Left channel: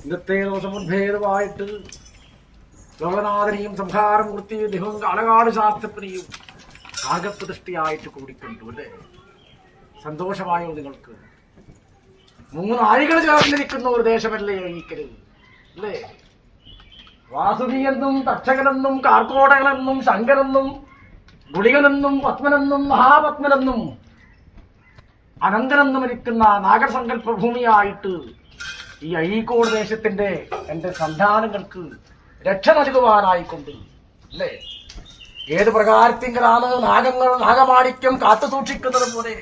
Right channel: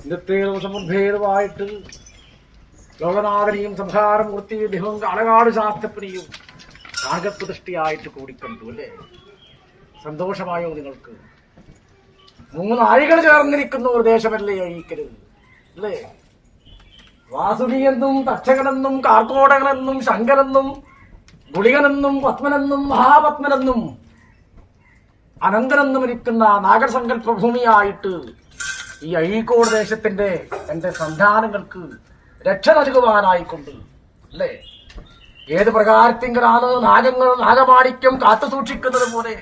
ഇന്നത്തെ ദിവസം ഉദ്ഭേദമായിട്ട് ലോകനാഥനെയും സംഹാരമൂർത്തി ദൈവം അളകാട് ശാസ്ത്രപ്രിയും നാഗപ്രതിഷ്ഠയായിട്ട് കൂടിക്കണ്ടു അല്ലേ? സന്തോഷമായോ നിങ്ങൾക്ക്? 3 നാഴികൾ ചേർന്നിരിക്കുന്ന ഒരു ദേശമല്ലേ ഈക്കല് അല്ലേ? വാസുകിയെന്നും തക്ഷകനെന്നും കാർക്കോടകനെന്നും ശങ്കരെന്നും ഗുളികനെന്നും പത്മനെന്നും മഹാപത്മനെന്നും അനന്തനെന്നും ഇരിക്കുന്ന നാഗസങ്കല്പ ഭൂമിയായിട്ട് ഈ അഴീക്കോട് ദേശത്തിന്റെ എന്റെ സന്താനങ്ങൾക്ക് രക്ഷ നൽകുവാനായിക്കൊണ്ട് അല്ലേ? ഏത് പ്രകാരത്തിങ്കലാണ് നാഗമാണിക്യം കാത്തു സൂക്ഷിക്കുന്നത് പോലെ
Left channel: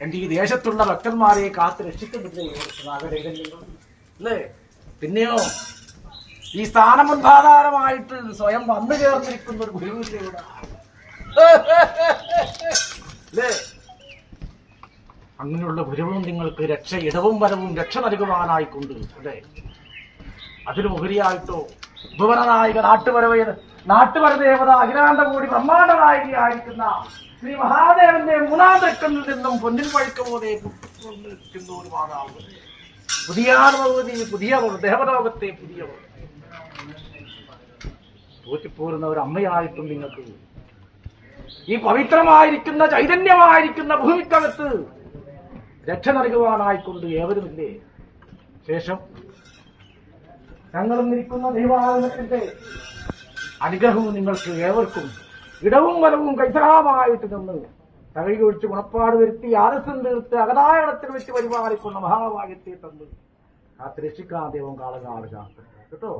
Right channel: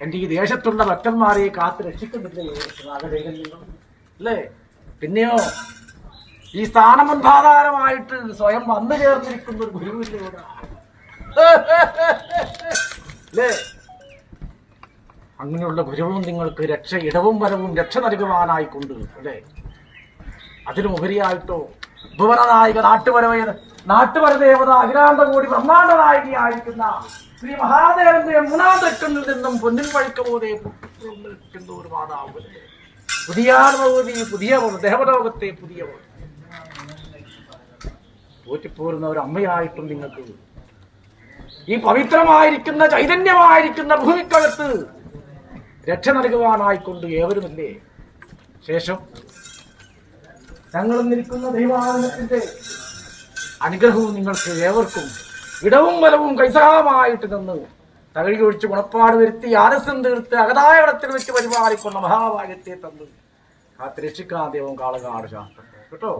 എന്റെ ഈ ദേശത്തുള്ള ഭക്തന്മാരെ കാത്തു രക്ഷിക്കുന്നില്ലേ നാഗചൈതന്യം അല്ലേ? പിന്നെയോ ഈ സ്ഥാനമുൻപാധാരമായിട്ട് സ്വയം വന്നു ചേർന്നിരിക്കുന്ന ഒരു ഗുരുവിന്റെ ഇവിടെ അല്ലേ? അങ്ങനെയുള്ള ഗുരുവും നിങ്ങൾക്ക് ഇടവും വരവും രക്ഷ നൽകുവാനായിക്കൊണ്ട് അല്ലേ? അതിനുപരിയായിട്ടോ ഭുവനനായിക നാട്ടുവര ദേവത അഖിലാണ്ടകോടി ബ്രഹ്മാണ്ഡ നായികയായിരിക്കുന്ന ശ്രീ മഹാദേവന്റെ 3-ാം തെക്കനിൽ നിന്നും പൊന്നിൻ പഴുക്ക പോലെ നിൽക്കുന്ന ഒരു മാതാവ്, പുതിയ ദേവലോകത്തെ പുതിയ പോറ്റിപ്പോരുന്ന ഒരു അമ്മയായിട്ടും നിങ്ങൾക്ക് ഈ പവിത്രമായിരിക്കുന്ന ചൈതന്യമായിരിക്കുന്ന ഭൂമിക്കകത്ത് രക്ഷ നൽകുവാനായിക്കൊണ്ട് ഏവരുമില്ലേ? ശേഷം ഞങ്ങളും നിൽക്കുന്ന ദൈവാനുഗ്രഹത്തിന്റെ അനുഗ്രഹവും നിങ്ങൾക്ക് ഏവർക്കും ഇടവും വലവും കൈസഹാമായിട്ട് നിന്ന് തകഴി ഒഴിച്ച് ഗുണപ്പാട് വരുത്തി ആലസ്യം തീർത്ത് അകതായ ഇടത്തിൽ വെച്ച് പരിപാലിക്കുന്ന മഹാഭാഗ്യത്തെ തന്ന് കാത്ത് രക്ഷിക്കാൻ ദൈവം കാളകാട് ശാസ്ത്രം കേട്ടോ.